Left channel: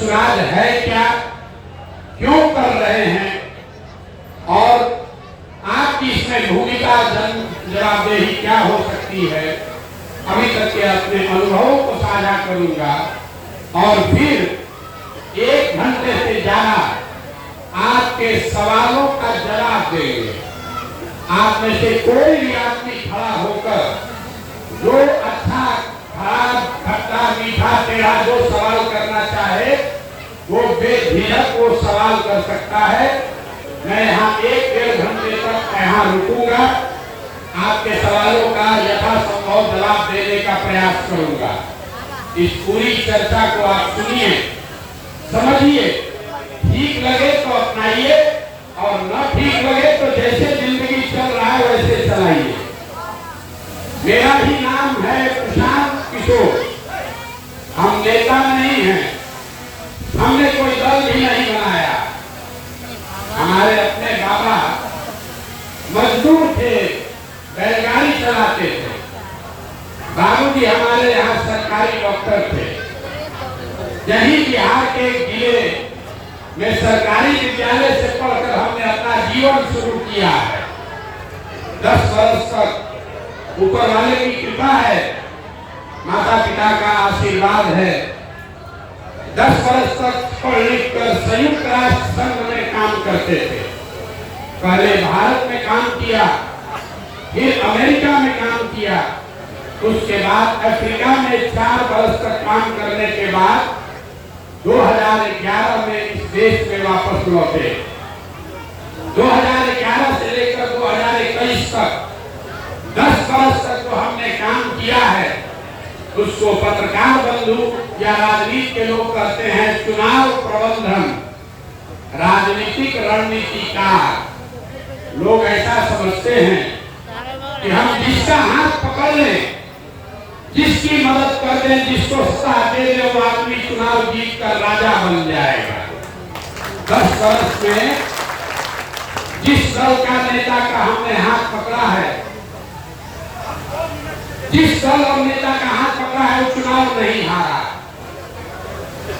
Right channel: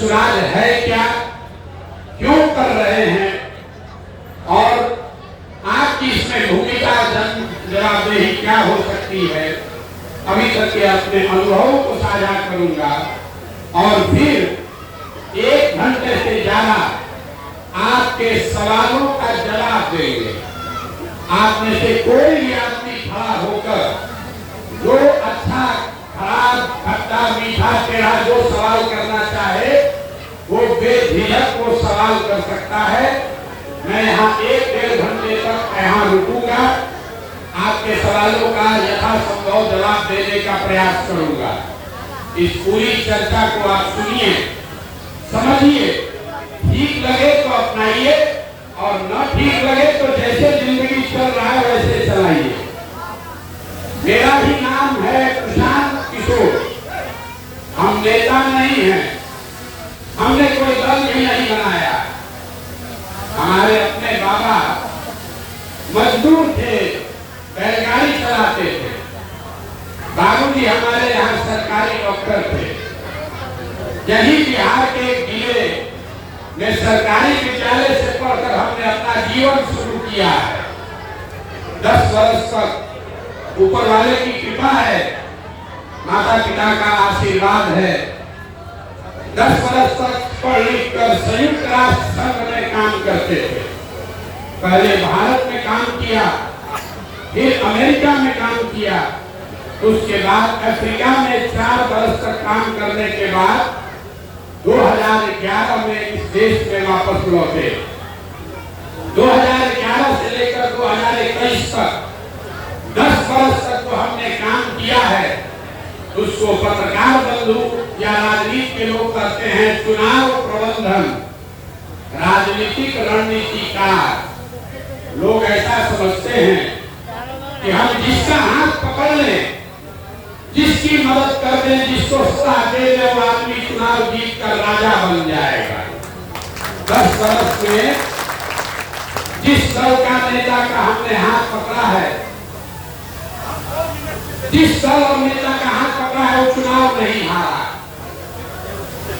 जनसुराज है क्या, क्यों कर रहे हैं और आपकी इसमें भूमिका जवाबदेही क्या हो सकती है, अभी तक के अपने अनुभवों को साझा करूंगा और फिर 1 घंटे से ज्यादा आपके सवालों का जवाब देंगे। आप में से कोई भी आदमी खड़ा होकर जो अच्छा खराब खट्टा मीठा टेढ़ा जो सवाल करना चाहे वो बेझिझक वो सवाल कर सकता है। मैं यहाँ 1-1.5 घंटे तक यहाँ रुकूंगा, आपके सवालों का यथासंभव जवाब देने का प्रयास करूंगा। इस पूरी चर्चा को आप सुनिए, समझिए, ठीक लगे तो अपनाइए और न ठीक लगे तो जैसे जिंदगी चल रहा है वैसे चलाइए। मेरा भी नाम है प्रशांत किशोर, हम नेता नहीं हैं, हमने कोई दल भी नहीं बनाया। हमारे अपने बाबा मजदूर थे, बैलगाड़ी चलाते थे, बाबूजी हमारे यहाँ सरकारी डॉक्टर थे। यही बिहार के जिले में सरकारी विद्यालय से पढ़कर हमने अपना जीवन शुरू किया है। 10 वर्ष तक ऊपर वाले की कृपा है, माता पिता का आशीर्वाद है। 10 वर्ष तक पढ़ लिख कर संयुक्त राष्ट्र संघ में काम करते थे। पहले भारत में काम किया, फिर अमेरिका में काम किया, उसके बाद अफ्रीका में 4 वर्ष तक काम करने के बाद 2011 में इस देश में वापस लौटे। 2011 से लेकर 2021 तक 10 वर्ष तक तो हमने काम किया है। उसको पत्रकार बंधु या राजनीति के लोग कहते हैं चुनाव प्रबंधन, राजनीतिक रणनीतिकार। लोग ऐसा समझते हैं कि हम जिसका हाथ पकड़ लें, जिसकी मदद कर दें, जिसको सलाह दे दें, वो आदमी चुनाव जीत कर राजा बन जाएगा। 10 वर्ष में जिस दल का नेता का हमने हाथ पकड़ा है, जिस दल और नेता का हाथ पकड़ा है, वो चुनाव नहीं हारा।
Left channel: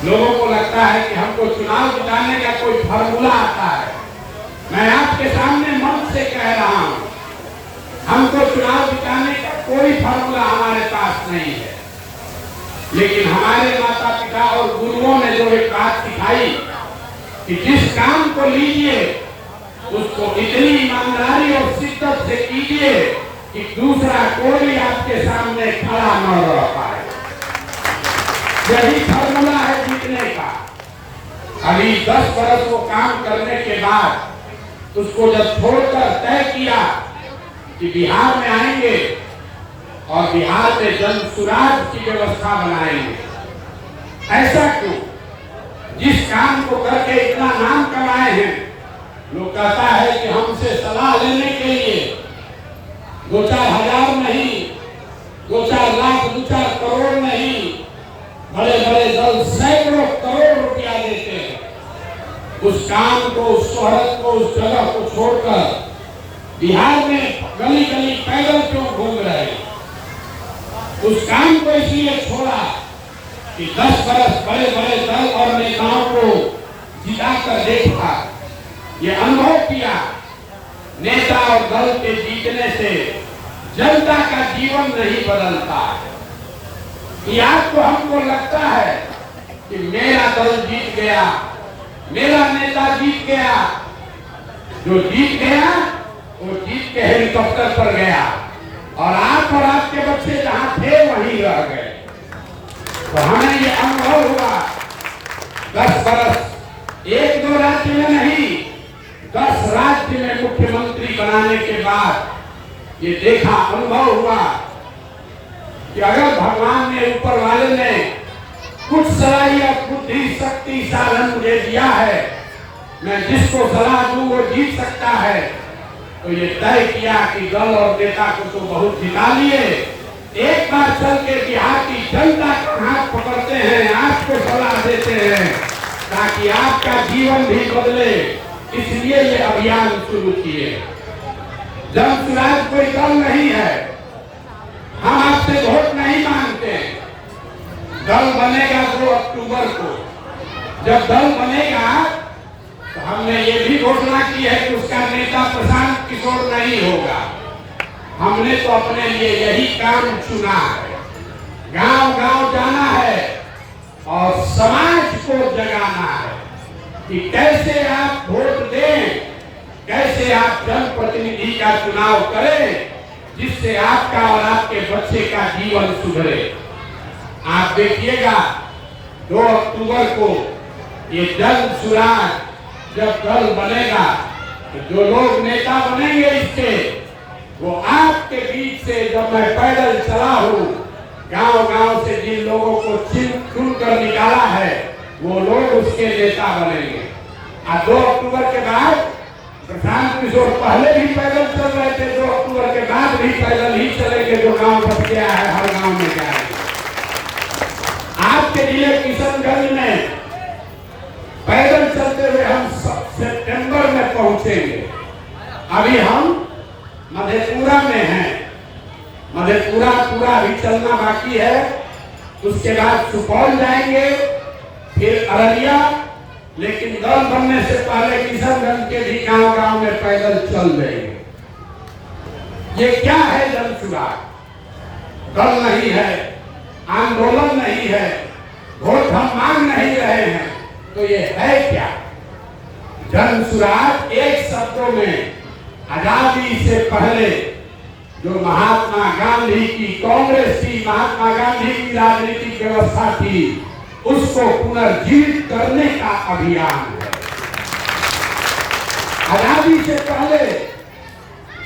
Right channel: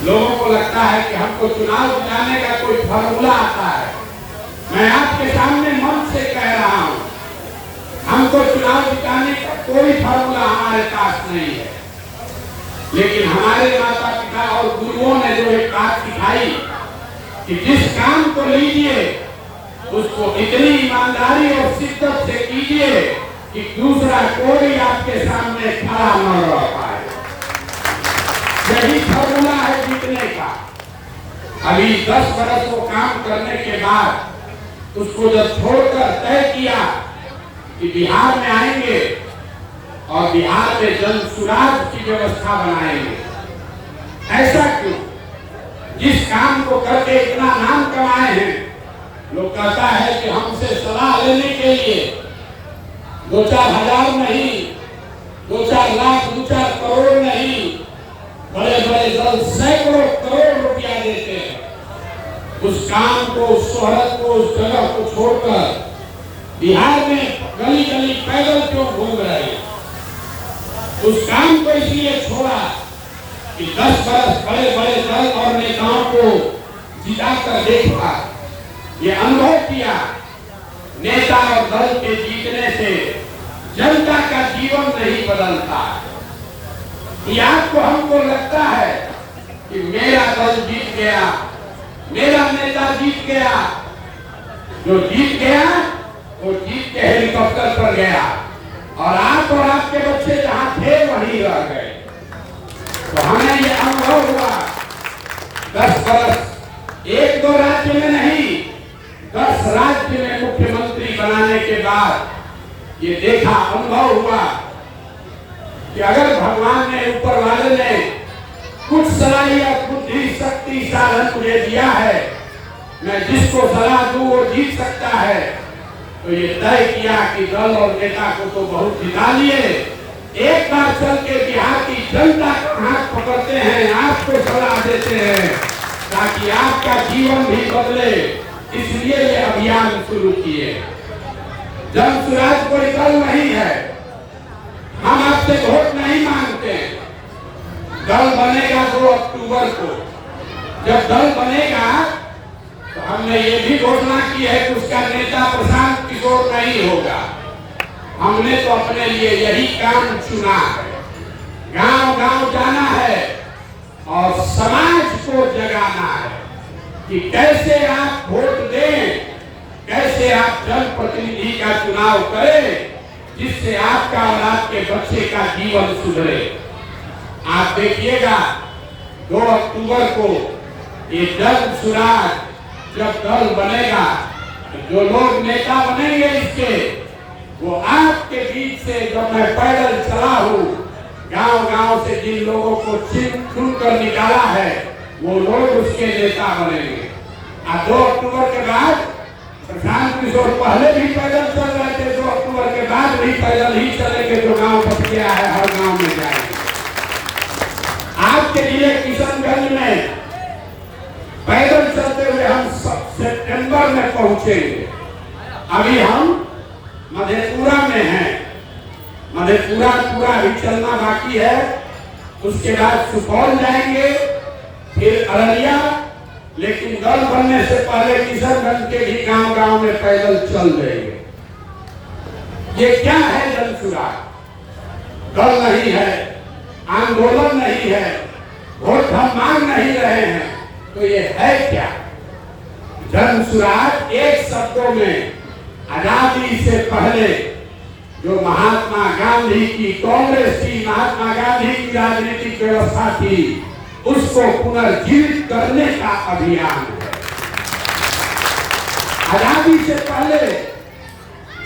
लोगों को लगता है कि हमको चुनाव जिताने का कोई फार्मूला आता है। मैं आपके सामने मन से कह रहा हूं, हमको चुनाव जिताने का कोई फार्मूला हमारे पास नहीं है। लेकिन हमारे माता पिता और गुरुओं ने जो एक बात सिखाई कि जिस काम को लीजिए उसको इतनी ईमानदारी और शिद्दत से कीजिए कि दूसरा कोई आपके सामने खड़ा न रह पाए। यही फार्मूला है जीतने का। अभी 10 वर्ष को काम करने के बाद उसको जब छोड़कर तय किया कि बिहार में आएंगे और बिहार में जनसुराज की व्यवस्था बनाएंगे। ऐसा क्यों? जिस काम को करके इतना नाम कमाए हैं, लोग कहता है कि हमसे सलाह लेने के लिए 2-4 हजार नहीं, 2-4 लाख, 2-4 करोड़ नहीं, बड़े बड़े दल सैकड़ों करोड़ रुपया देते हैं। उस काम को, उस शोहरत को, उस जगह को छोड़कर बिहार में गली गली पैदल क्यों घूम रहे? उस काम को इसलिए छोड़ा कि 10 वर्ष बड़े बड़े दल और नेताओं को जिताकर देखा, ये अनुभव किया। नेता और दल के जीतने से जनता का जीवन नहीं बदलता। कि आपको हमको लगता है कि मेरा दल जीत गया, मेरा नेता जीत गया, जो जीत गया वो जीत के हेलीकॉप्टर पर गया और आप और आपके बच्चे जहां थे वहीं रह गए। तो हमें ये अनुभव हुआ 10 वर्ष, 1-2 राज्य में नहीं, 10 राज्य में मुख्यमंत्री बनाने के बाद ये देखा, अनुभव हुआ कि अगर भगवान ने, ऊपर वाले ने कुछ सलाहियत, बुद्धि, शक्ति, साधन मुझे दिया है, मैं जिसको सलाह दूं वो जीत सकता है, तो ये तय किया कि दल और नेता को तो बहुत जिता लिए, एक बार चल के बिहार की जनता का हाथ पकड़ते हैं, आपको सलाह देते हैं ताकि आपका जीवन भी बदले। इसलिए ये अभियान शुरू किए। जनसुराज कोई दल नहीं है, हम आपसे वोट नहीं मांगते। दल बनेगा 2 अक्टूबर को, जब दल बनेगा तो हमने ये भी घोषणा की है कि उसका नेता प्रशांत किशोर नहीं होगा। हमने तो अपने लिए यही काम चुना है, गांव गांव जाना है और समाज को जगाना है कि कैसे आप वोट दें, कैसे आप जनप्रतिनिधि का चुनाव करें जिससे आपका और आपके बच्चे का जीवन सुधरे। आप देखिएगा 2 अक्टूबर को ये जन सुराज जब दल बनेगा तो जो लोग नेता बनेंगे इसके, वो आपके बीच से जब मैं पैदल चला हूँ गांव गांव से जिन लोगों को चुन कर निकाला है वो लोग उसके नेता बनेंगे। 2 अक्टूबर के बाद प्रशांत किशोर पहले भी पैदल चल रहे थे, 2 अक्टूबर के बाद भी पैदल ही चलेंगे। जो गांव बच गया है हर गांव में जाएंगे। आपके लिए किशनगंज में पैदल चलते हुए हम सितंबर में पहुंचेंगे। अभी हम मधेपुरा में हैं, मधेपुरा पूरा अभी चलना बाकी है। उसके बाद सुपौल जाएंगे, फिर अररिया, लेकिन दल बनने से पहले किशनगंज के भी गांव गांव में पैदल चल जाएंगे। ये क्या है जन सुराज? दल नहीं है, आंदोलन नहीं है, वोट हम मांग नहीं रहे हैं, तो ये है क्या? जन सुराज एक शब्दों में आजादी से पहले जो महात्मा गांधी की कांग्रेस थी, महात्मा गांधी की राजनीतिक व्यवस्था थी, उसको पुनर्जीवित करने का अभियान है। आजादी से पहले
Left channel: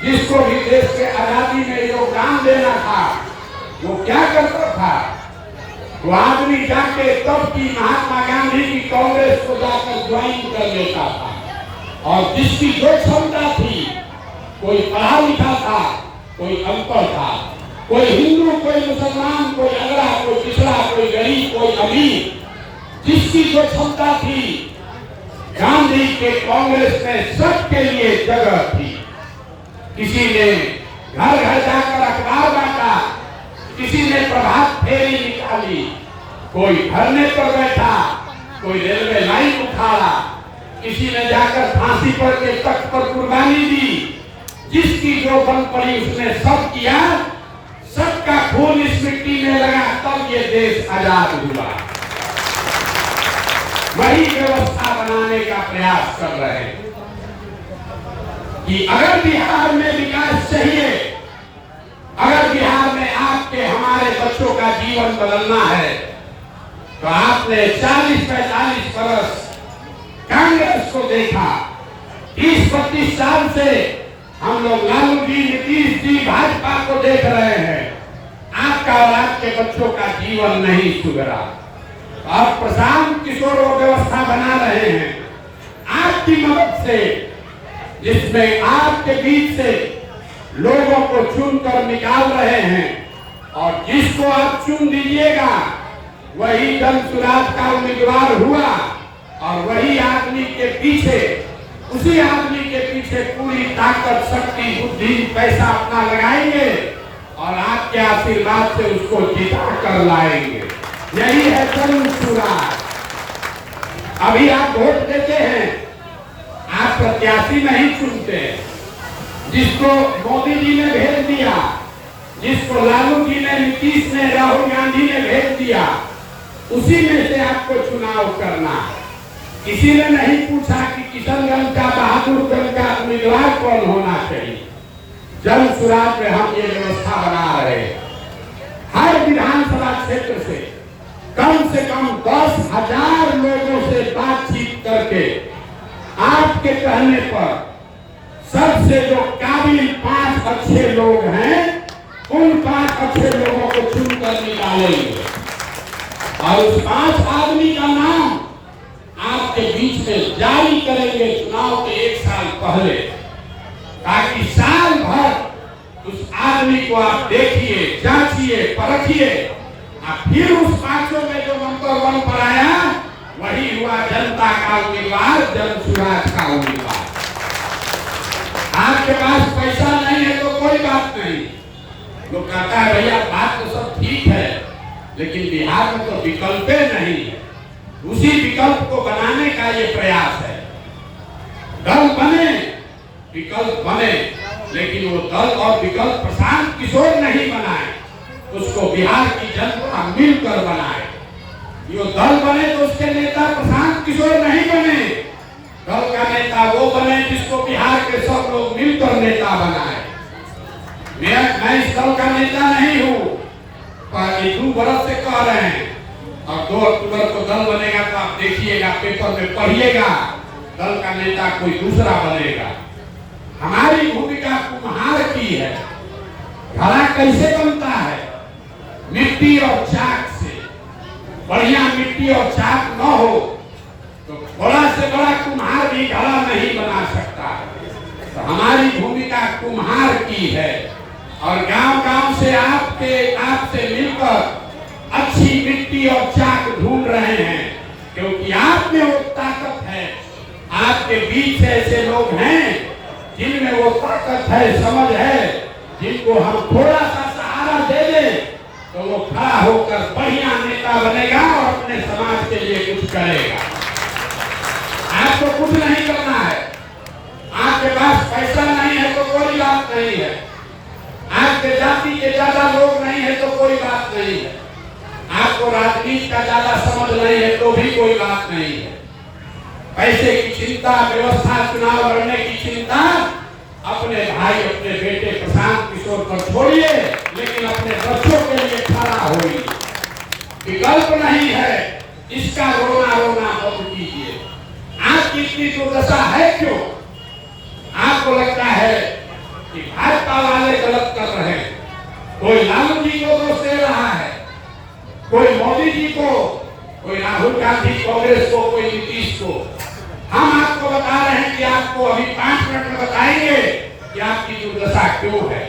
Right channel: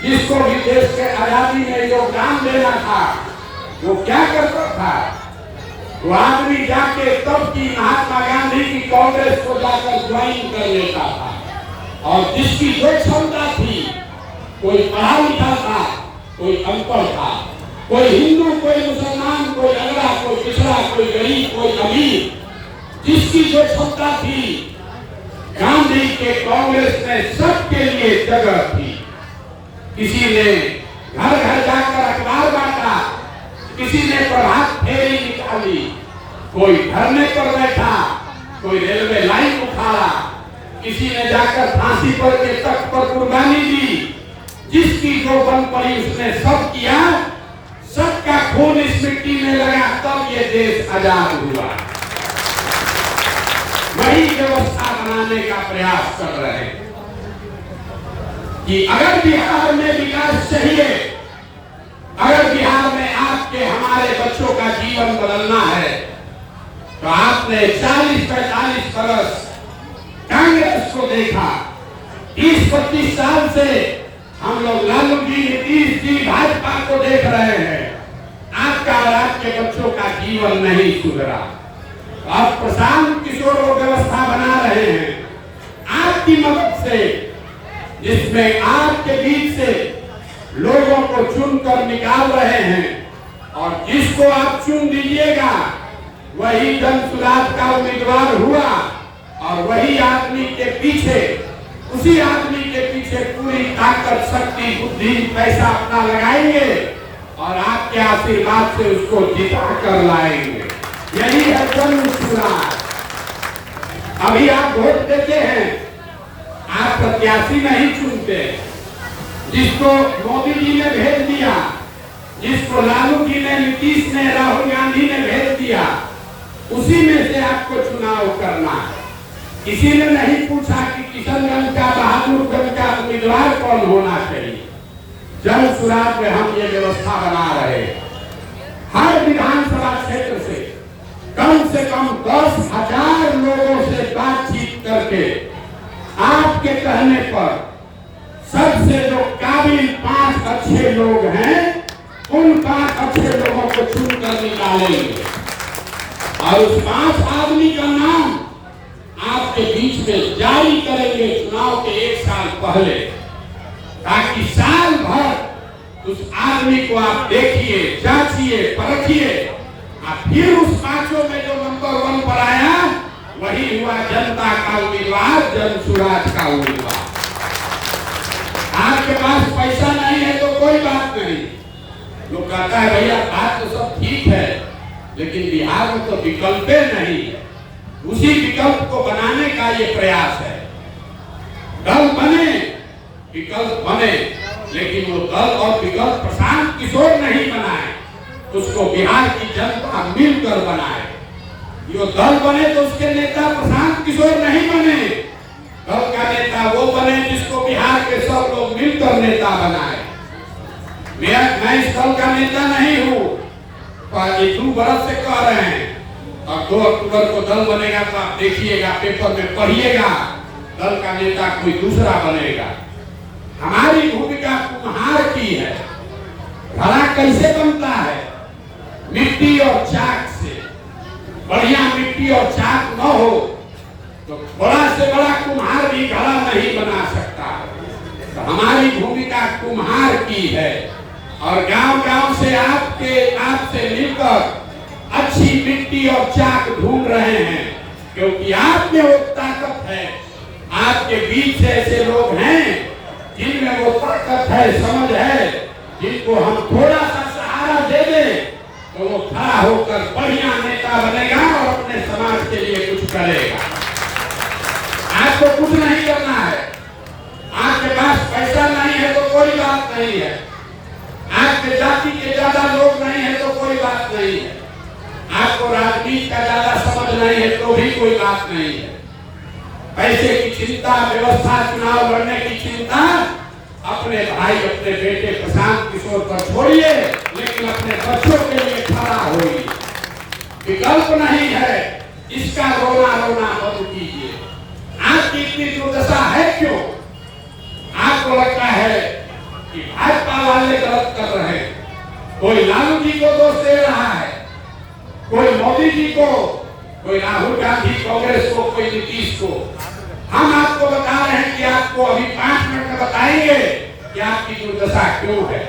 जिसको भी देश के आजादी में योगदान देना था वो क्या करता था? वो आदमी जाके तब की महात्मा गांधी की कांग्रेस को जाकर ज्वाइन कर लेता था और जिसकी जो क्षमता थी, कोई पढ़ा लिखा था, कोई अनपढ़ था, कोई हिंदू, कोई मुसलमान, कोई अगड़ा, कोई पिछड़ा, कोई गरीब, कोई अमीर, जिसकी जो क्षमता थी, गांधी के कांग्रेस में सबके लिए जगह थी। किसी ने घर घर जाकर अखबार बांटा, किसी ने प्रभात फेरी निकाली, कोई धरने पर बैठा, कोई रेलवे लाइन उठाया, किसी ने जाकर फांसी पर के तख्त पर कुर्बानी दी। जिसकी जो बन पड़ी उसने सब किया, सबका खून इस मिट्टी में लगा, तब ये देश आजाद हुआ। वही व्यवस्था बनाने का प्रयास कर रहे हैं कि अगर बिहार में विकास चाहिए, अगर बिहार में आपके हमारे बच्चों का जीवन बदलना है, तो आपने 40-45 बरस कांग्रेस को देखा। 30-35 साल से हम लोग लालू जी, नीतीश जी, भाजपा को देख रहे हैं। आपका और आपके बच्चों का जीवन नहीं सुधरा। अब प्रशांत किशोर वो व्यवस्था बना रहे हैं आपकी मदद से, जिसमें आपके बीच से लोगों को चुनकर निकाल रहे हैं और जिसको आप चुन दीजिएगा वही जन सुराज का उम्मीदवार हुआ और वही आदमी के पीछे, उसी आदमी के पीछे पूरी ताकत, शक्ति, बुद्धि, पैसा अपना लगाएंगे और आपके आशीर्वाद से उसको जिता कर लाएंगे। यही है जन सुराज। अभी आप वोट देते हैं, आप प्रत्याशी नहीं चुनते। जिसको मोदी जी ने भेज दिया, जिसको लालू जी ने, नीतीश ने, राहुल गांधी ने भेज दिया, उसी में से आपको चुनाव करना है। किसी ने नहीं पूछा कि किशनगंज का, बहादुरगंज का उम्मीदवार कौन होना चाहिए। जन सुराज में हम ये व्यवस्था बना रहे हैं। हर विधानसभा क्षेत्र से कम 10,000 लोगों से बातचीत करके आपके कहने पर सबसे जो काबिल 5 अच्छे लोग हैं, उन 5 अच्छे लोगों को चुनकर निकालेंगे और उस 5 आदमी का नाम आपके बीच में जारी करेंगे चुनाव के 1 साल पहले, ताकि साल भर उस आदमी को आप देखिए, जांचिए, परखिए, फिर उस 5 में जो नंबर 1 पर आया वही हुआ जनता का उम्मीदवार, जन सुराज का उम्मीदवार। आपके पास पैसा नहीं है तो कोई बात नहीं। लोग कहता है भैया बात तो सब ठीक है, लेकिन बिहार में तो विकल्प नहीं है। उसी विकल्प को बनाने का ये प्रयास है। दल बने, विकल्प बने, लेकिन वो दल और विकल्प प्रशांत किशोर नहीं बनाए, उसको बिहार की जनता मिलकर बनाए। जो दल बने तो उसके नेता प्रशांत किशोर नहीं बने, दल का नेता वो बने जिसको बिहार के सब लोग मिलकर नेता बनाए। मैं इस दल का नेता नहीं हूँ, ये 2 बरस से कह रहे हैं। अब 2 अक्टूबर को दल बनेगा तो आप देखिएगा, पेपर में पढ़िएगा, दल का नेता कोई दूसरा बनेगा। हमारी भूमिका कुम्हार की है। घड़ा कैसे बनता है? मिट्टी और चाक से। बढ़िया मिट्टी और चाक न हो तो बड़ा से बड़ा कुम्हार भी घड़ा नहीं बना सकता। तो हमारी भूमिका कुम्हार की है और गांव-गांव से आपसे मिलकर अच्छी मिट्टी और चाक ढूंढ रहे हैं, क्योंकि आप में वो ताकत है। आपके बीच से ऐसे लोग हैं जिनमें वो ताकत है, समझ है, जिनको हम थोड़ा सा सहारा दे दें तो वो खड़ा होकर बढ़िया नेता बनेगा और अपने समाज के लिए कुछ करेगा। आपको कुछ नहीं करना है। आपके पास पैसा नहीं है तो कोई बात नहीं है, आपके जाति के ज्यादा लोग नहीं है तो कोई बात नहीं है, आपको राजनीति का ज्यादा समझ नहीं है तो भी कोई बात नहीं है। पैसे की चिंता, व्यवस्था, चुनाव लड़ने की चिंता अपने भाई, अपने बेटे प्रशांत किशोर पर छोड़िए, लेकिन अपने बच्चों के लिए खड़ा होइए। विकल्प नहीं है, इसका रोना रोना बंद कीजिए। आपकी इतनी दुर्दशा है क्यों? आपको लगता है कि भाजपा वाले गलत कर रहे हैं, कोई लालू जी को दोष दे रहा है, कोई मोदी जी को, कोई राहुल गांधी कांग्रेस को, कोई नीतीश को। हम आपको बता रहे हैं कि आपको अभी 5 मिनट में बताएंगे कि आपकी दुर्दशा क्यों है।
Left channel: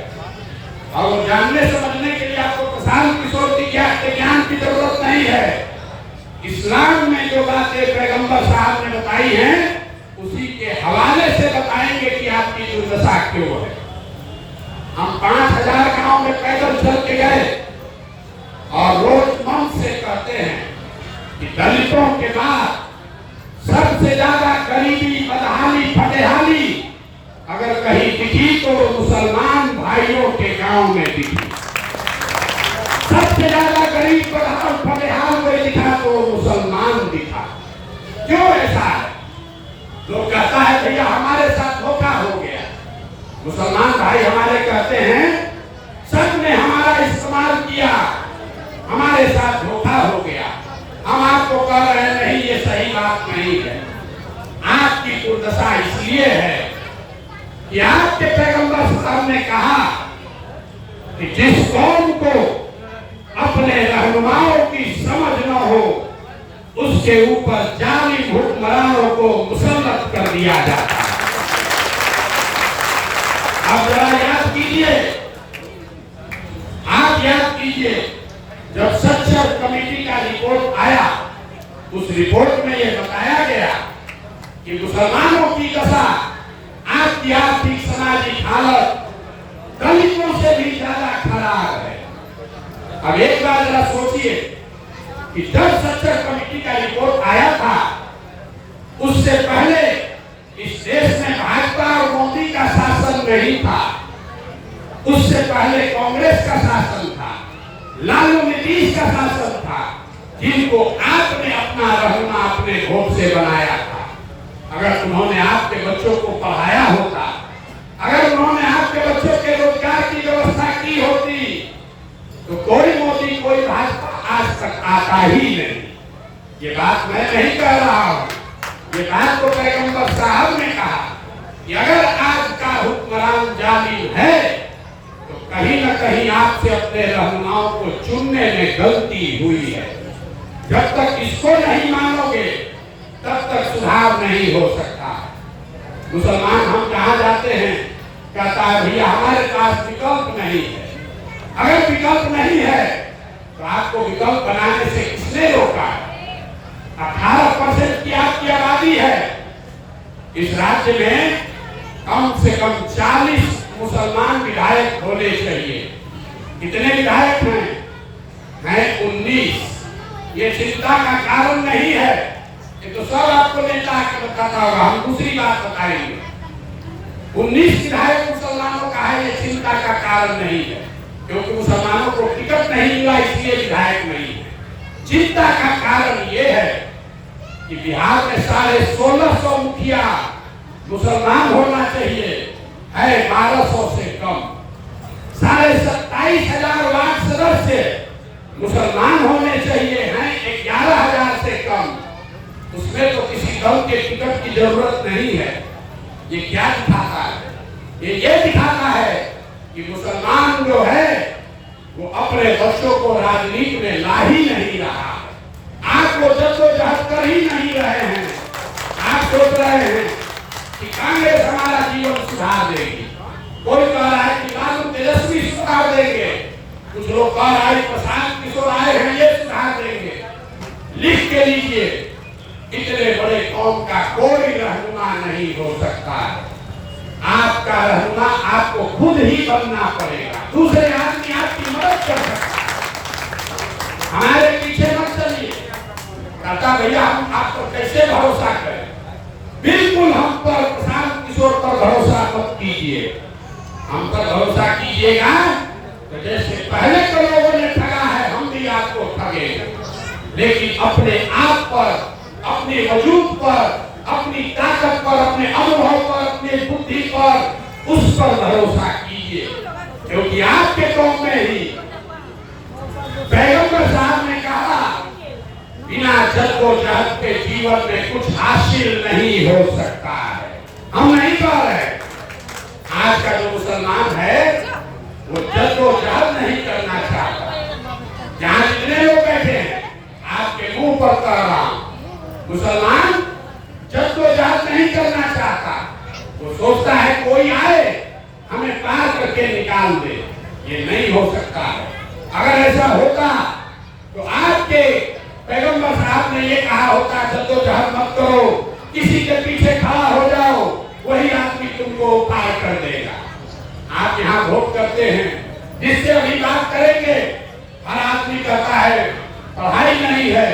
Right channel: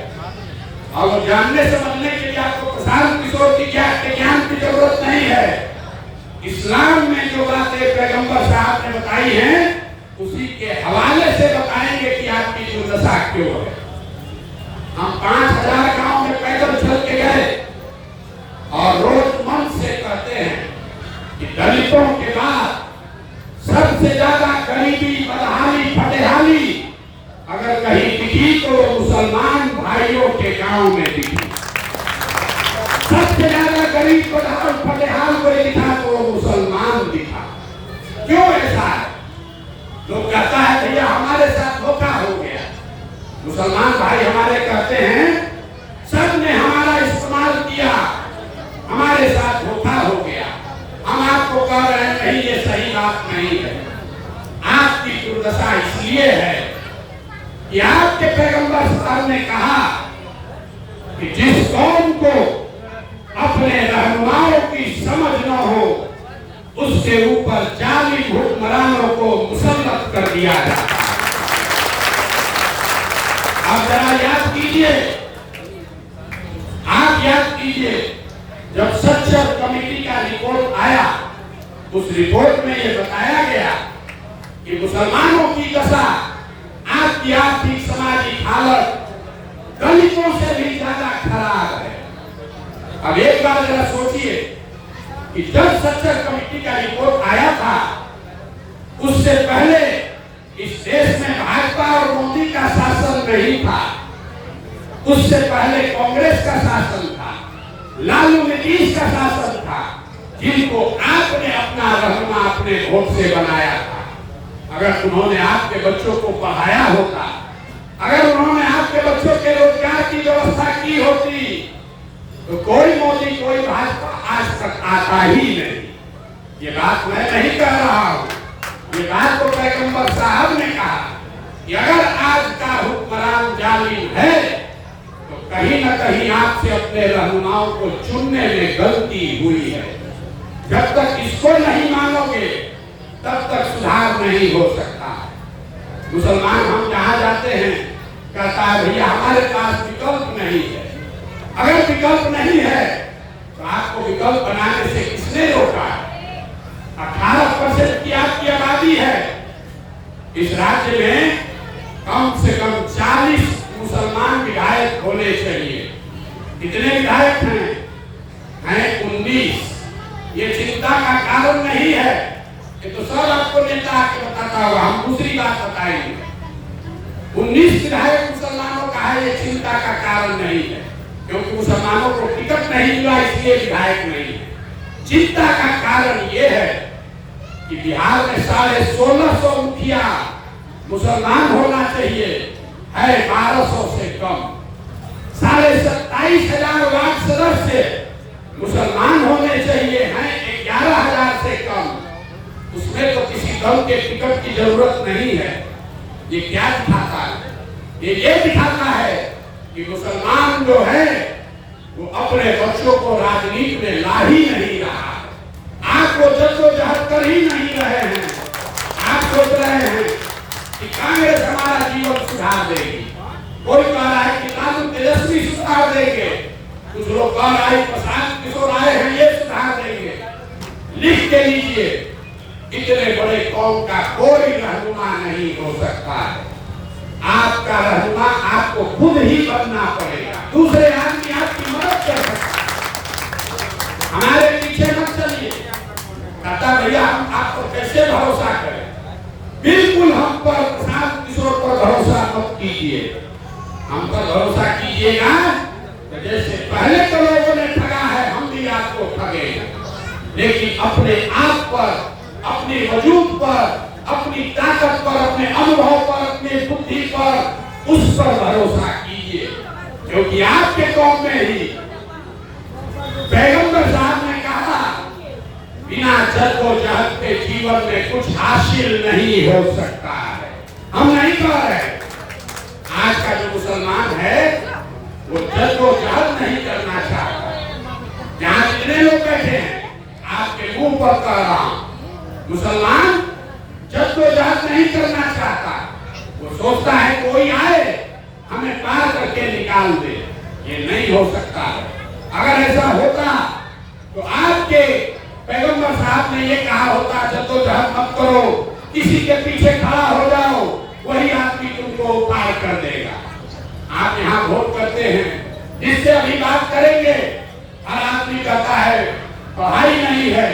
और वो जानने समझने के लिए आपको प्रशांत किशोर के ज्ञान की जरूरत नहीं है। इस्लाम में जो बातें पैगंबर साहब ने बताई हैं, उसी के हवाले से बताएंगे कि आपकी दुर्दशा क्यों है। हम 5000 गांव में पैदल चल के गए और रोज मन से कहते हैं कि दलितों के बाद सबसे ज्यादा गरीबी, बदहाली, फटेहाली अगर कहीं दिखी तो मुसलमान भाइयों के गांव में दिखी। सबसे ज्यादा गरीब, बदहाल, फटेहाल कोई दिखा तो मुसलमान दिखा। क्यों ऐसा है? लोग कहता है भैया हमारे साथ धोखा हो गया। मुसलमान भाई हमारे कहते हैं सबने हमारा इस्तेमाल किया, हमारे साथ धोखा हो गया। हम आपको कह रहे हैं नहीं, ये सही बात नहीं है। आपकी दुर्दशा इसलिए है कि आपके पैगंबर साहब ने कहा कि जिस कौम को अपने रहनुमाओं की समझ न हो, उसके ऊपर जालिम हुक्मरानों को मुसल्लत कर दिया जाता है। आप जरा याद कीजिए, आप याद कीजिए, जब सच्चर कमेटी का रिपोर्ट आया, उस रिपोर्ट में यह बताया गया कि मुसलमानों की दशा, आपकी आर्थिक सामाजिक हालत दलितों से भी ज्यादा खराब है। अब एक बार जरा सोचिए कि जब सच्चर कमेटी का रिपोर्ट आया था, उससे पहले इस देश में भाजपा और मोदी का शासन नहीं था, उससे पहले कांग्रेस का शासन था, लालू नीतीश का शासन था, जिनको आपने अपना रहनुमा अपने वोट से बनाया था। अगर उन्होंने आपके बच्चों को पढ़ाया होता, अगर उन्होंने आपके बच्चों के रोजगार की व्यवस्था की होती, तो कोई मोदी, कोई भाजपा आज तक आता ही नहीं। ये बात मैं नहीं कह रहा हूं, ये बात तो पैगंबर साहब ने कहा कि अगर आज का हुक्मरान जालिम है तो कहीं न कहीं आपसे अपने रहनुमाओं को चुनने में गलती हुई है। जब तक इसको नहीं मानोगे तब तक सुधार नहीं हो सकता। मुसलमान हम जहां जाते हैं कहता है भैया हमारे पास विकल्प नहीं है। अगर विकल्प नहीं है तो आपको विकल्प बनाने से किसने रोका है? 18% की आपकी आबादी है। इस राज्य में कम से कम 40 मुसलमान विधायक होने चाहिए। कितने विधायक हैं? 19। ये चिंता का कारण नहीं है। ये तो सब आपको नेता के बताता होगा। हम दूसरी बात बताएंगे। 19 विधायक मुसलमानों का है, ये चिंता का कारण नहीं है, क्योंकि मुसलमानों को टिकट नहीं मिला इसलिए विधायक नहीं है। चिंता का कारण ये है कि बिहार में 1650 मुखिया मुसलमान होना चाहिए, है 1200 से कम। 27,500 लाख सदस्य मुसलमान होने चाहिए, हैं 11,000 से कम। उसमें तो किसी दल के टिकट की जरूरत नहीं है। ये क्या दिखाता है? ये दिखाता है कि मुसलमान जो है वो अपने बच्चों को राजनीति में ला ही नहीं रहा है। आप वो जद्दोजहद कर ही नहीं रहे हैं। आप सोच रहे हैं कि कांग्रेस हमारा जीवन सुधार देगी। कोई कह रहा है कि लालू तेजस्वी सुधार देंगे, कुछ लोग कह रहा है प्रशांत किशोर आए हैं ये सुधार देंगे। लिख के लीजिए, इतने बड़े कौम का कोई रहनुमा नहीं हो सकता है। आपका रहनुमा आपको खुद ही बनना पड़ेगा, दूसरे आदमी आपकी मदद कर सकता है। हमारे पीछे मत चलिए। कहता भैया हम आप पर कैसे भरोसा करें? बिल्कुल हम पर प्रशांत किशोर पर भरोसा मत कीजिए। हम पर भरोसा कीजिएगा तो जैसे पहले तो लोगों ने ठगा है, हम भी आपको ठगेंगे। लेकिन अपने आप पर, अपने वजूद पर, अपनी ताकत पर, अपने अनुभव पर, अपनी बुद्धि पर, उस पर भरोसा कीजिए। क्योंकि आपके कौम में ही पैगंबर साहब ने कहा बिना जद्दोजहद के जीवन में कुछ हासिल नहीं हो सकता है। हम नहीं कह रहे। आज का जो मुसलमान है वो जद्दोजहद नहीं करना चाहता। जहां जितने लोग बैठे हैं आपके मुंह पर कह रहा हूं, मुसलमान जद्दोजहद नहीं करना चाहता। वो सोचता है कोई आए हमें पार करके निकाल दे। ये नहीं हो सकता है। अगर ऐसा होता तो आपके पैगंबर साहब ने ये कहा होता जद्दोजहद मत करो, किसी के पीछे खड़ा हो जाओ, वही आदमी तुमको पार कर देगा। आप यहाँ वोट करते हैं, जिससे अभी बात करेंगे, हर आदमी कहता है पढ़ाई नहीं है,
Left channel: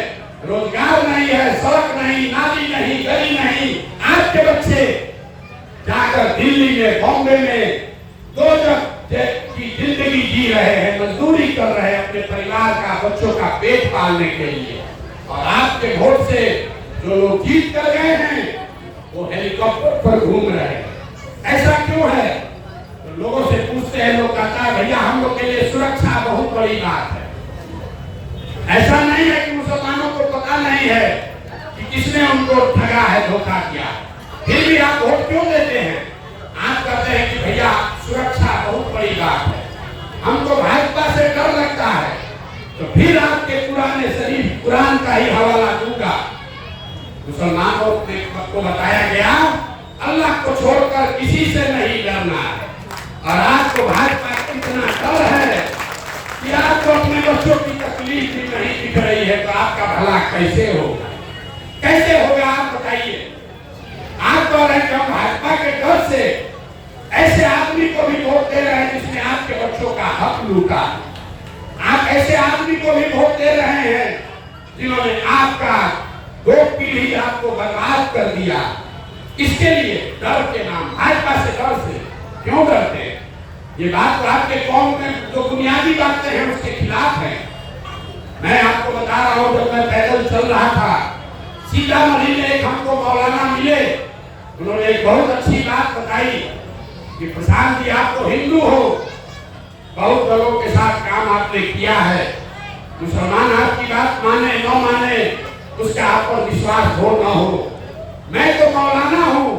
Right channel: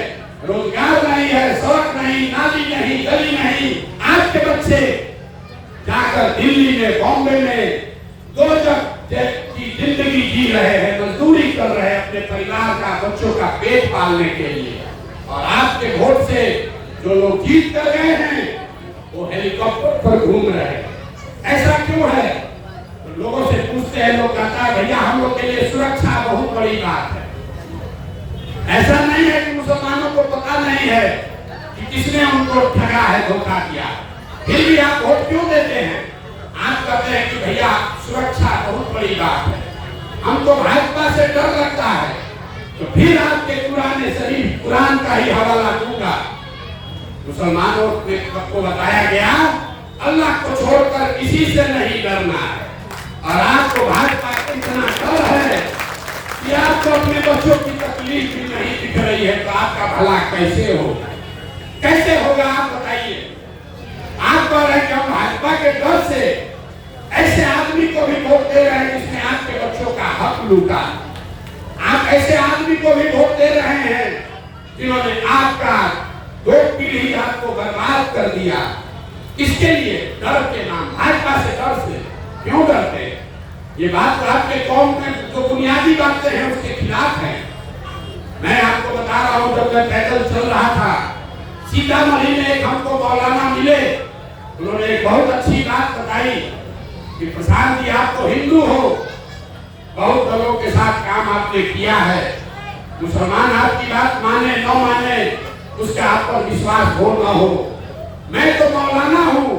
रोजगार नहीं है, सड़क नहीं, नाली नहीं, गली नहीं। आपके बच्चे जाकर दिल्ली में, बॉम्बे में दो जग की जिंदगी जी रहे हैं, मजदूरी कर रहे हैं अपने परिवार का, बच्चों का पेट पालने के लिए। और आपके वोट से जो लोग जीत कर गए हैं वो हेलीकॉप्टर पर घूम रहे हैं। ऐसा क्यों है? तो लोगों से पूछते हैं, लोग कहता है भैया हम लोग के लिए सुरक्षा बहुत बड़ी बात है। ऐसा नहीं है कि मुसलमानों को पता नहीं है कि किसने उनको ठगा है, धोखा किया, फिर भी आप वोट क्यों देते हैं? आप कहते हैं कि भैया सुरक्षा बहुत बड़ी बात है, हमको भाजपा से डर लगता है। तो फिर आपके पुराने शरीफ कुरान का ही हवाला दूंगा। मुसलमानों को बताया गया अल्लाह को छोड़कर किसी से नहीं डरना है। और आपको भाजपा का इतना डर है कि आपको अपने बच्चों की तकलीफ भी नहीं दिख रही है, तो आपका भला कैसे होगा? कैसे होगा आप बताइए? आप कह रहे हैं कि हम भाजपा के डर से ऐसे आदमी को भी वोट दे रहे हैं जिसने आपके बच्चों का हक लूटा। आप ऐसे आदमी को भी वोट दे रहे हैं जिन्होंने आपका 2 पीढ़ी आपको बर्बाद कर दिया। इसके लिए डर के नाम, भाजपा से डर से क्यों डरते हैं? ये बात आपके कौम में जो बुनियादी बातें हैं उसके खिलाफ है। मैं आपको बता रहा हूँ, जब मैं पैदल चल रहा था सीतामढ़ी में एक हमको मौलाना मिले, उन्होंने एक बहुत अच्छी बात बताई कि प्रशांत जी आप तो हिंदू हो, बहुत लोगों के साथ काम आपने किया है, मुसलमान आपकी बात माने न माने उसका आप पर विश्वास हो न हो, मैं तो मौलाना हूँ,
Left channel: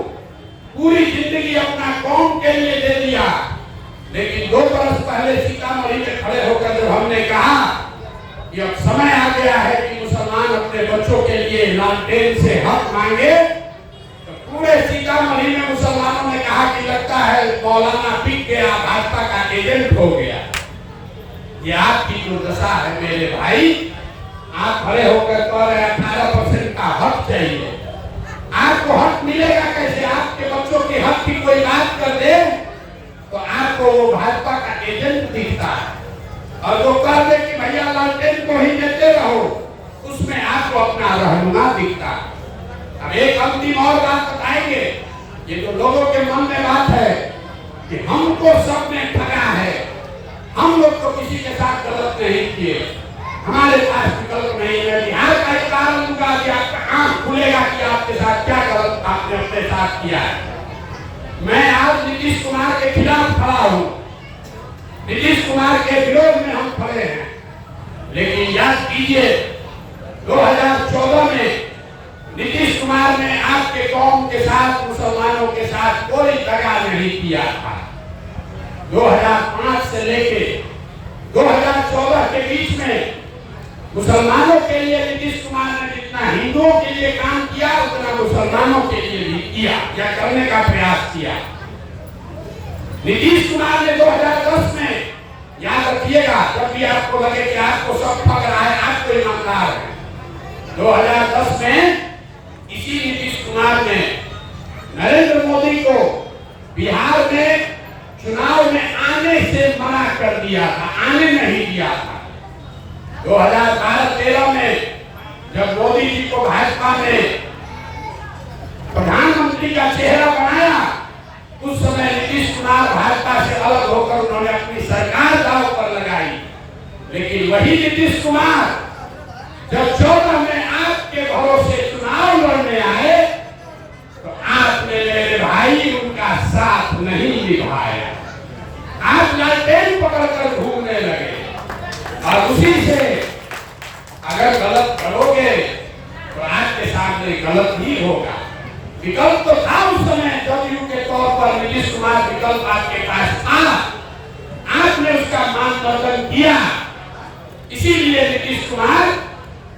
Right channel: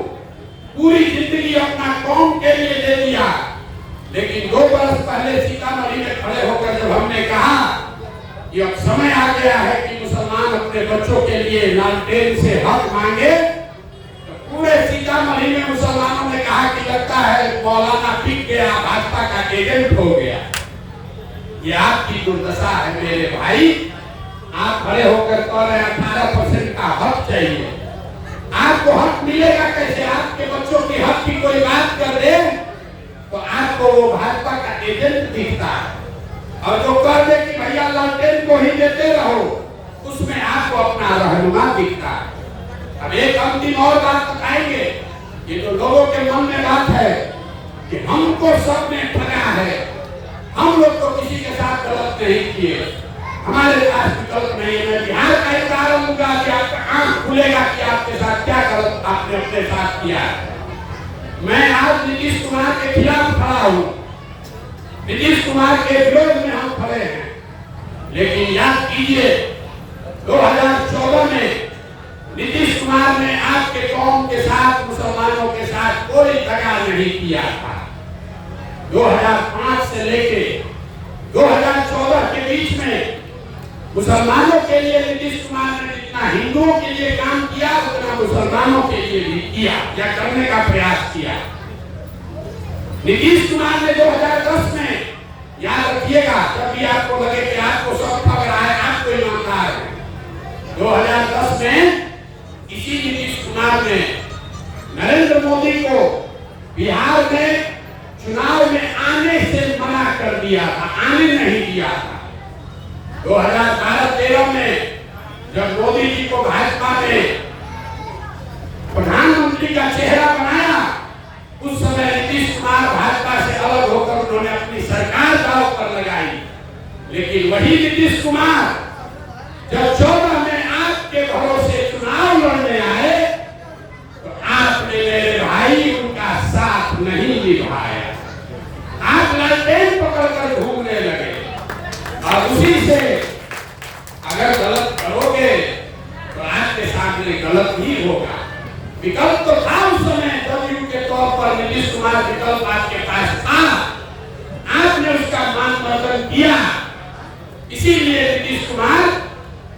पूरी जिंदगी अपना कौम के लिए दे दिया। लेकिन 2 बरस पहले सीतामढ़ी में खड़े होकर जब हमने कहा कि अब समय आ गया है कि मुसलमान अपने बच्चों के लिए लालटेन से हक मांगे, तो पूरे सीतामढ़ी में मुसलमानों ने कहा कि लगता है मौलाना पिक गया, भाजपा का एजेंट हो गया। ये आपकी दुर्दशा है मेरे भाई। आप खड़े होकर कह रहे 18% का हक चाहिए। आपको हक मिलेगा कैसे? आपके बच्चों के हक की कोई बात कर दे तो आपको वो भाजपा का एजेंट दिखता है। और जो कह दे कि भैया लालटेन को ही देते रहो, उस अब एक अंतिम और बात बताएंगे। ये तो लोगों के मन में बात है कि हमको सबने ठगा है, हम लोग तो किसी के साथ गलत नहीं किए, हमारे पास विकल्प नहीं है। बिहार का एक कारण होगा कि आपका आंख खुलेगा कि आपके साथ क्या गलत आपने अपने साथ किया है। मैं आज नीतीश कुमार के खिलाफ खड़ा हूँ, नीतीश कुमार के विरोध में हम खड़े हैं, लेकिन याद कीजिए 2014 में नीतीश कुमार ने आपके कौम के साथ, मुसलमानों के साथ कोई दगा नहीं किया था। 2005 से लेके 2014 के बीच में मुसलमानों के लिए नीतीश कुमार ने जितना हिंदुओं के लिए काम किया उतना मुसलमानों के लिए भी किया या करने का प्रयास किया। नीतीश कुमार ने 2010 में, याद रखिएगा, जब भी आपको लगे कि आपको सब ठग रहा है, आपको ईमानदार है, 2010 में इसी नीतीश कुमार ने नरेंद्र मोदी को बिहार में चुनाव में आने से मना कर दिया था, आने नहीं दिया था। 2012-13 में जब मोदी जी को भाजपा ने प्रधानमंत्री का चेहरा बनाया, उस समय नीतीश कुमार भाजपा से अलग होकर उन्होंने अपनी सरकार दांव पर लगाई। लेकिन वही नीतीश कुमार जब 14 में आपके भरोसे चुनाव लड़ने आए तो आपने मेरे भाई उनका साथ नहीं निभाया, आप लालटेन पकड़कर घूमने लगे। और उसी से अगर गलत करोगे तो आपके सामने गलत ही होगा। विकल्प तो था उस समय, जदयू के तौर पर नीतीश कुमार विकल्प आपके पास था, आपने उसका मानदंड किया। इसीलिए नीतीश कुमार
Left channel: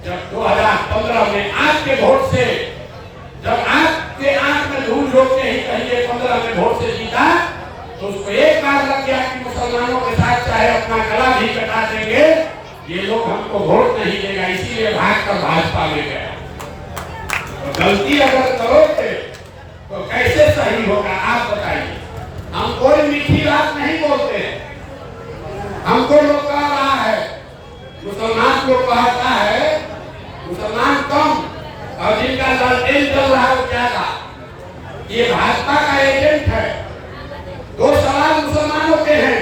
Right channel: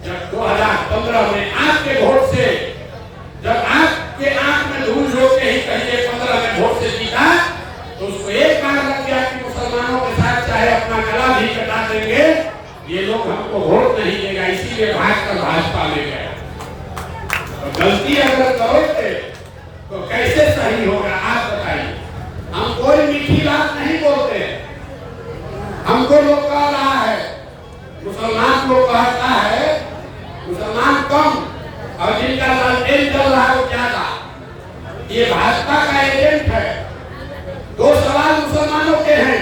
जब 2015 में आपके वोट से, जब आपके आंख में धूल झोंकते ही कहिए 15 में वोट से जीता, तो उसको एक बार लग गया कि मुसलमानों के साथ चाहे अपना गला भी कटा देंगे, ये लोग हमको वोट नहीं देगा, इसीलिए भागकर भाजपा ले गया। तो गलती अगर करोगे तो कैसे सही होगा आप बताइए। हम कोई मीठी बात नहीं बोलते, हमको लोग कह रहा है, मुसलमान लोग कहता है मुसलमान कम और जिनका लालटेन चल रहा है वो ज्यादा। ये भाजपा का एजेंट है। दो सवाल मुसलमानों के हैं,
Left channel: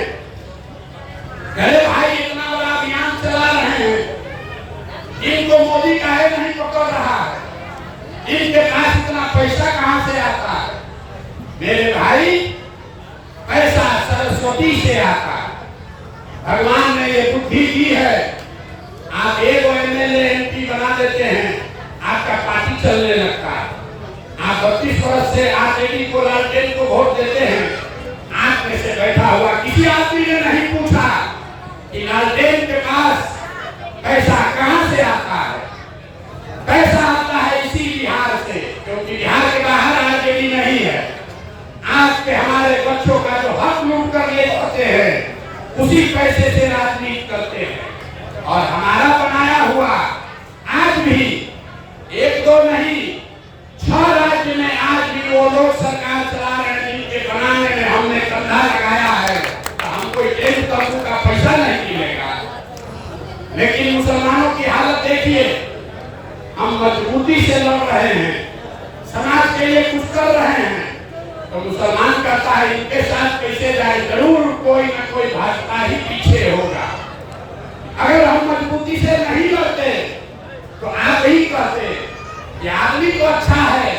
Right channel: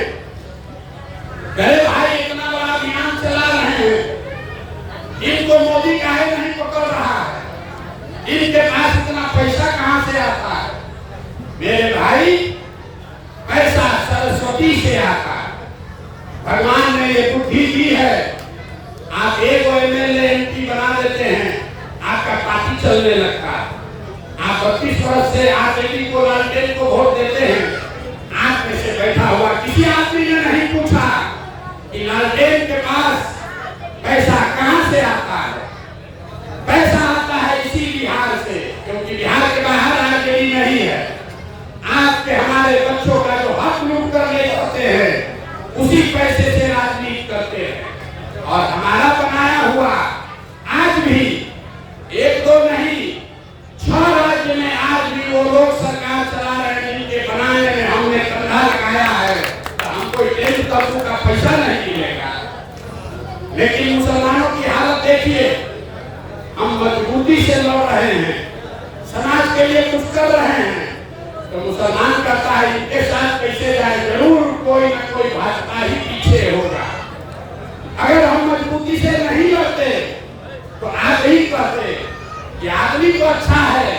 अरे भाई इतना बड़ा अभियान चला रहे हैं, इनको मोदी काहे नहीं पकड़ रहा है, इनके पास इतना पैसा कहां से आता है? मेरे भाई, पैसा सरस्वती से आता है, भगवान ने ये बुद्धि दी है। आप एक एमएलए एमपी बना देते हैं, आपका पार्टी चलने लगता है। आप 32 वर्ष से आप एडी को, लालटेन को वोट देते हैं, आप में से बैठा हुआ किसी आदमी ने नहीं पूछा कि लालटेन के पास पैसा कहां से आता है। पैसा आता है इसी बिहार से, क्योंकि बिहार के बाहर आरजेडी नहीं है। आपके हमारे बच्चों का जो हक लूट कर ले जाते हैं, उसी पैसे से राजनीति करते हैं। और हमारा बनाया हुआ आज भी एक दो नहीं 6 राज्य में आज भी वो लोग सरकार चला रहे हैं जिनके बनाने में हमने कंधा लगाया है। तो हमको एक तंबू का पैसा नहीं मिलेगा। लेकिन मुसलमानों की हालत देखिए, हम मजबूती से लड़ रहे हैं, समाज के लिए कुछ कर रहे हैं, तो मुसलमान कहता है इनके साथ कैसे जाए, जरूर कोई ना कोई भाजपा ही पीछे होगा। अगर हम मजबूती से नहीं लड़ते तो आप ही कहते कि आदमी तो अच्छा है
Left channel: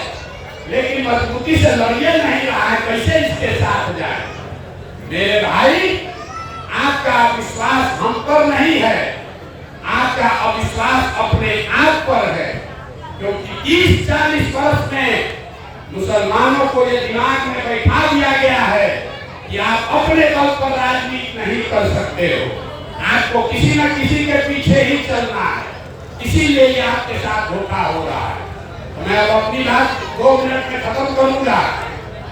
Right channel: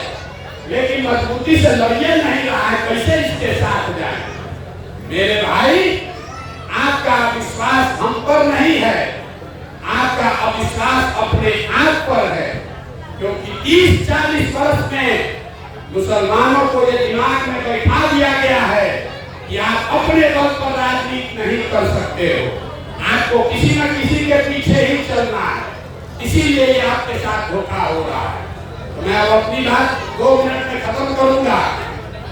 लेकिन मजबूती से लड़िए नहीं रहा है, कैसे इसके साथ जाए। मेरे भाई, आपका विश्वास हम पर नहीं है, आपका अविश्वास अपने आप पर है। क्योंकि 30-40 वर्ष में मुसलमानों को ये दिमाग में बैठा दिया गया है कि आप अपने बल पर राजनीति नहीं कर सकते हो, आपको किसी न किसी के पीछे ही चलना है। इसीलिए ये आपके साथ धोखा हो रहा है। तो मैं अब अपनी बात 2 मिनट में खत्म करूंगा।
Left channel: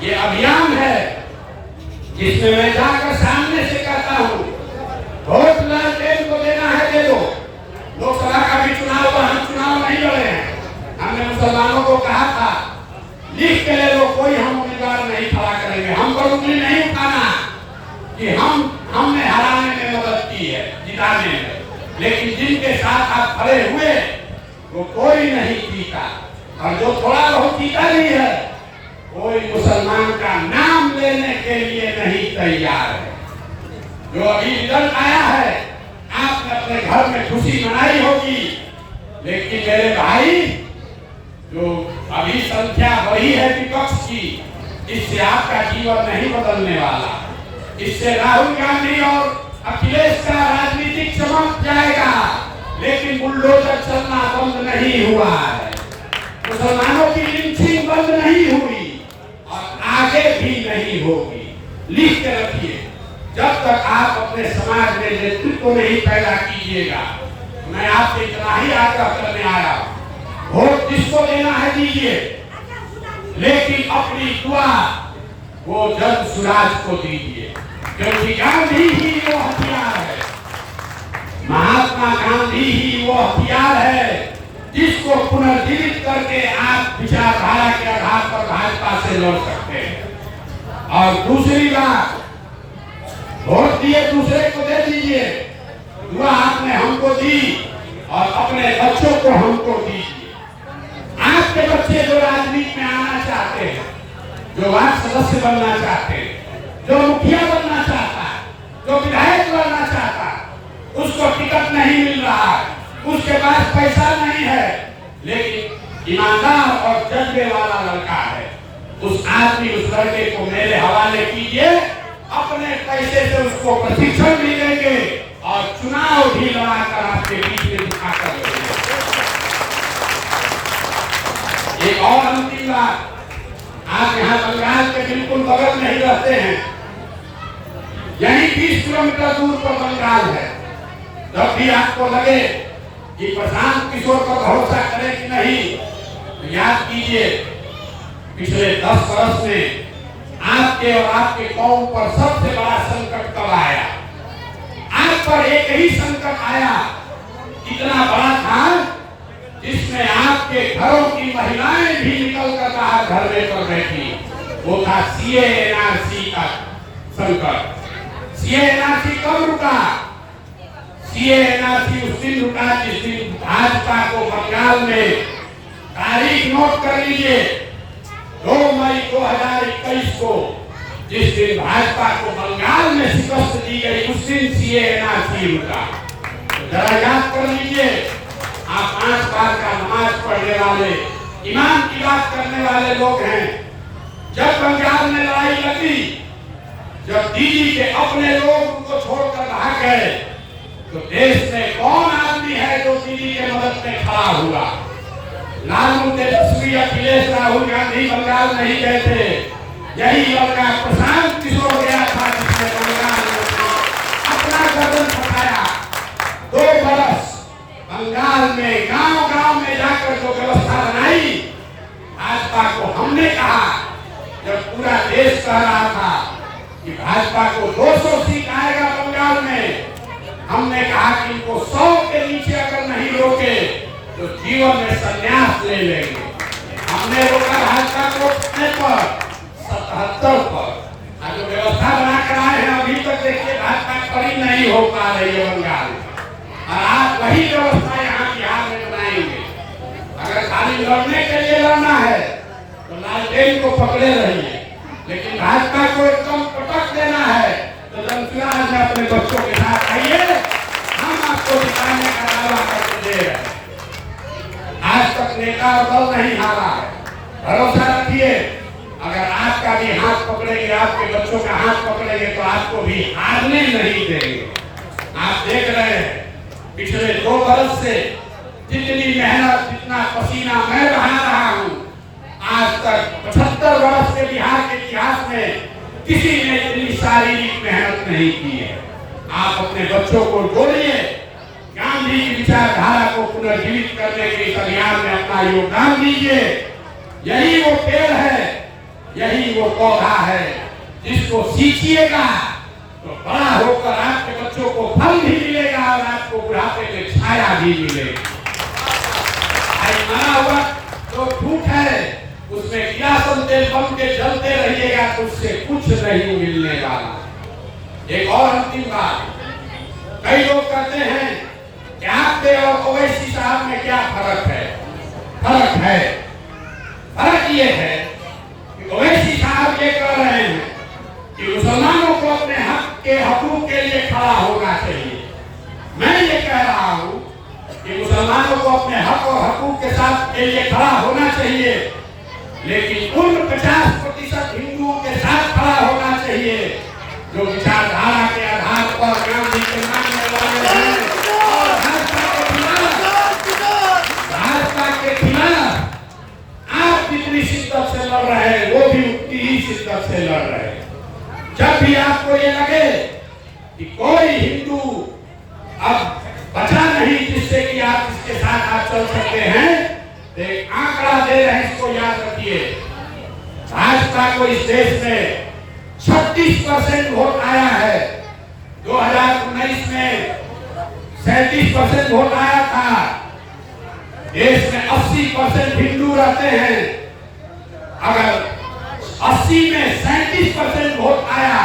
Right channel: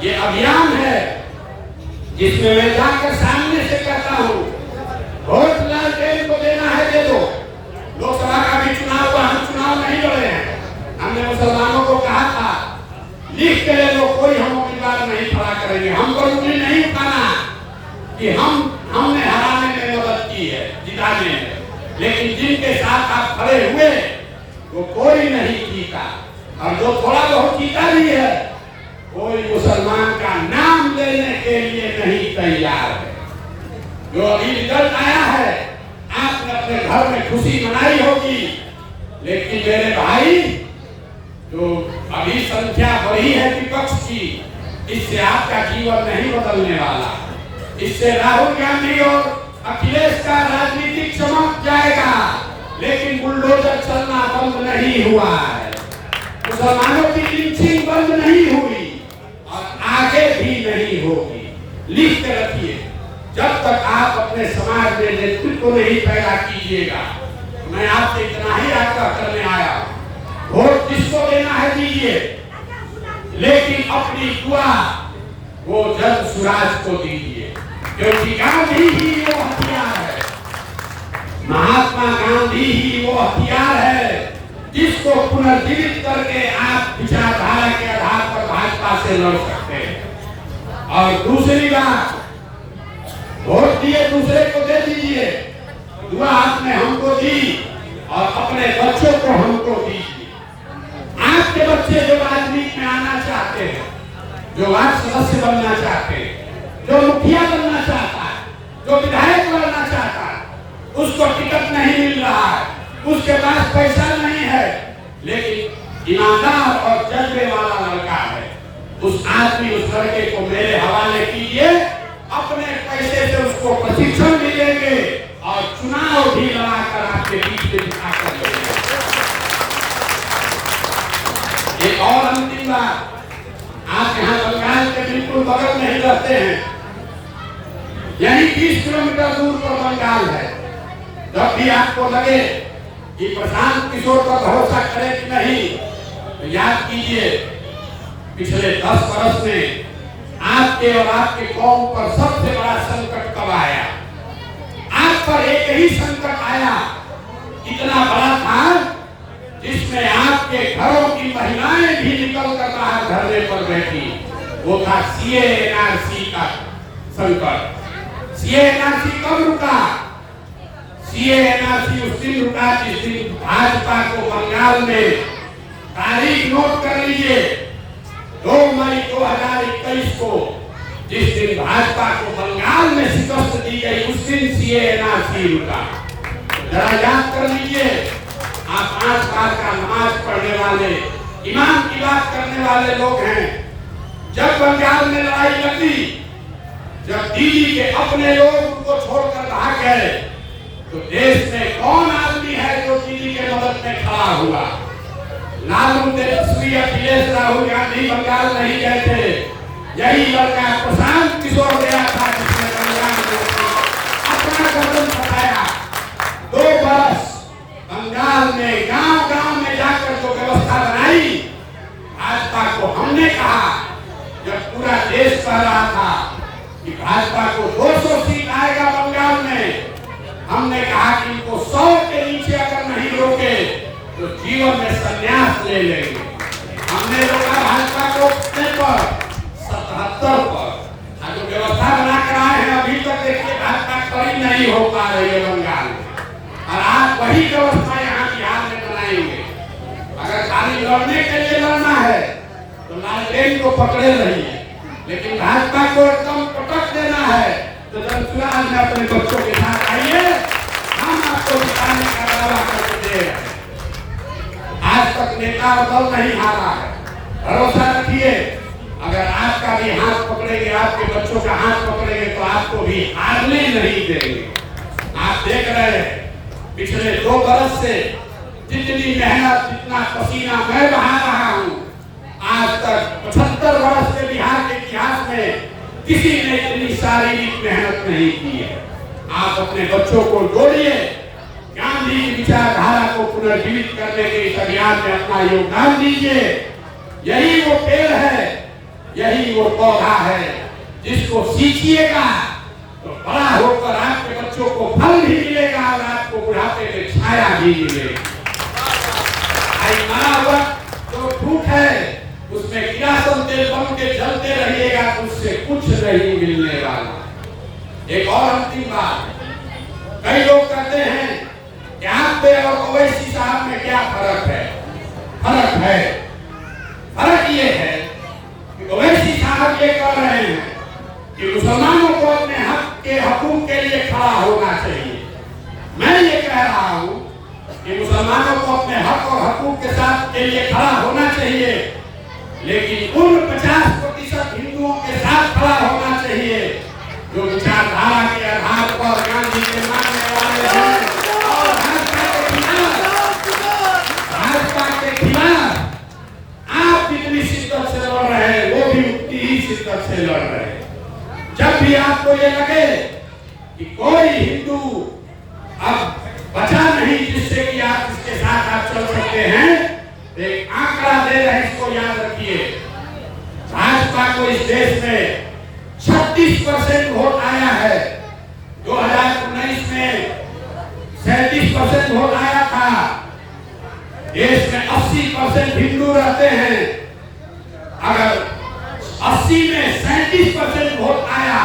ये अभियान है जिसमें मैं जाकर सामने से कहता हूँ, वोट लालटेन को देना है दे दो। लोकसभा का भी चुनाव हुआ, हम चुनाव नहीं लड़े हैं। हमने मुसलमानों को कहा था लिख के ले लो, कोई हम उम्मीदवार नहीं खड़ा करेंगे। हम पर उंगली नहीं उठाना कि हमने हराने में मदद की है, जिताने में। लेकिन जिनके साथ आप खड़े हुए वो कोई नहीं जीता। और जो थोड़ा बहुत जीता भी है कोई मुसलमान का नाम लेने के लिए नहीं तैयार है। जो अभी रिजल्ट आया है आपने अपने घर में खुशी मनाई होगी, लेकिन मेरे भाई जो अभी संख्या बढ़ी है विपक्ष की, इससे आपका जीवन नहीं बदलने वाला। इससे राहुल गांधी और अखिलेश का राजनीतिक चमक जाएगा, लेकिन बुलडोजर चलना बंद नहीं हुआ है, मुसलमानों की लिंचिंग बंद नहीं हुई और आगे भी नहीं होगी। लिख के रखिए, जब तक आप अपने समाज में नेतृत्व नहीं पैदा कीजिएगा। मैं आपसे इतना ही आग्रह करने आया, वोट जिसको देना है दीजिए, लेकिन अपनी दुआ वो जब स्वराज को दीजिए, क्योंकि गांधी ही वो हथियार है, महात्मा गांधी ही वो हथियार है जिसको पुनर्जीवित करके आप विचारधारा के आधार पर भाजपा से लड़ सकते हैं। और दूसरी बात, वोट दिए दूसरे को दे दीजिए, दुआ आपने हमको दी और अपने बच्चों को हमको दीजिए। आपके बच्चे जो राजनीति में आना चाहते हैं, जो वार्ड सदस्य बनना चाहते हैं, जो मुखिया बनना चाहता है, जो विधायक बनना चाहता है, उसको टिकट नहीं मिल रहा है, उसके पास पैसा नहीं है, लेकिन ईमानदार और जज्बे वाला लड़का है, उस आदमी उस लड़के को मेरे हवाले कीजिए। अपने पैसे से उसको प्रशिक्षण भी देंगे और चुनाव भी लड़ाकर आपके बीच में दिखाकर देंगे। एक और अंतिम बात, आप यहाँ बंगाल के बिल्कुल बगल में ही रहते हैं, यही 20 किलोमीटर दूर पर बंगाल है। जब भी आपको लगे कि प्रशांत किशोर पर भरोसा करें कि नहीं, तो याद कीजिए पिछले 10 वर्ष में आपके और आपके कौम पर सबसे बड़ा संकट कब आया? आप पर एक ही संकट आया, इतना बड़ा था जिसमें आपके घरों की महिलाएं भी निकल कर बाहर धरने पर बैठी। वो था सीए एनआरसी का संकट। सीए एनआरसी कब रुका? सीए एनआरसी उस दिन रुका जिस दिन भाजपा को बंगाल में, तारीख नोट कर लीजिए, 2 मई 2021 को जिस दिन भाजपा को बंगाल में शिकस्त दी गई, उस दिन सीए एनआरसी रुका। जरा याद कर लीजिए, आप 5 बार का नमाज पढ़ने वाले, ईमान की बात करने वाले लोग हैं। जब बंगाल में लड़ाई लगी, जब दिल्ली के अपने लोग उनको छोड़कर भाग गए, तो देश में कौन आदमी है जो दिल्ली के मदद में खड़ा हुआ? लालू तेजस्वी, अखिलेश, राहुल गांधी बंगाल नहीं गए थे। यही लड़का प्रशांत किशोर गया था जिसने बंगाल में अपना कदम उठाया। 2 बरस बंगाल में गांव-गांव में जाकर जो व्यवस्था बनाई, भाजपा को हमने कहा, जब पूरा देश कह रहा था कि भाजपा को 200 सीट आएगा बंगाल में, हमने कहा कि इनको 100 के नीचे अगर नहीं रोके तो जीवन में संन्यास ले लेंगे। हमने रोका भाजपा को पर 77 पर। जो व्यवस्था बनाकर आए हैं, अभी तक देखिए भाजपा खड़ी नहीं हो पा रही है बंगाल में, और आप वही व्यवस्था यहाँ बिहार में बनाएंगे। अगर खाली लड़ने के लिए लड़ना है तो लालटेन को पकड़े रहिए, लेकिन भाजपा को एकदम पटक देना है तो जनचुनाव में अपने बच्चों के साथ आइए, हम आपको जिताने का दावा करके दे रहे हैं। आज तक नेता और दल नहीं हारा है, भरोसा रखिए। अगर आपका भी हाथ पकड़ेंगे, आपके बच्चों का हाथ पकड़ेंगे, तो आपको भी हारने नहीं देंगे। आप देख रहे हैं पिछले 2 बरस से जितनी मेहनत, जितना पसीना मैं बहा रहा हूँ, आज तक 75 वर्ष के बिहार के इतिहास में किसी ने इतनी शारीरिक मेहनत नहीं की है। आप अपने बच्चों को जोड़िए, गांधी की विचारधारा को पुनर्जीवित करने के इस अभियान में अपना योगदान दीजिए। यही वो पेड़ है, यही वो पौधा है जिसको सींचिएगा तो बड़ा होकर आपके बच्चों को फल भी मिलेगा और आपको बुढ़ापे में छाया भी मिलेगी। जो फूट है उसमें किरासन तेल बम के जलते रहिएगा तो उससे कुछ नहीं मिलने वाला। एक और अंतिम बात, कई लोग कहते हैं कि आप पे और ओवैसी साहब में क्या फर्क है? फर्क है, फर्क ये है कि ओवैसी साहब ये कह रहे हैं कि मुसलमानों को अपने हक के हकूक के लिए खड़ा होना चाहिए। मैं ये कह रहा हूं कि मुसलमानों को अपने हक और हकूक के साथ के लिए खड़ा होना चाहिए, लेकिन उन 50% हिंदुओं के साथ खड़ा होना चाहिए जो विचारधारा के आधार पर गांधी के मानने वाले हैं और भाजपा के खिलाफ आप जितनी शिद्दत से लड़ रहे हैं वो भी उतनी ही शिद्दत से लड़ रहे हैं। जब भी आपको ये लगे कि कोई हिंदू अब बचा नहीं जिससे कि आप इसके साथ आप चल सकते हैं, एक आंकड़ा दे रहे हैं, इसको याद रखिए। भाजपा को इस देश में 36% वोट आया है। 2019 में 37% वोट आया था। देश में 80% हिंदू रहते हैं। अगर 80 में 37% वोट आया,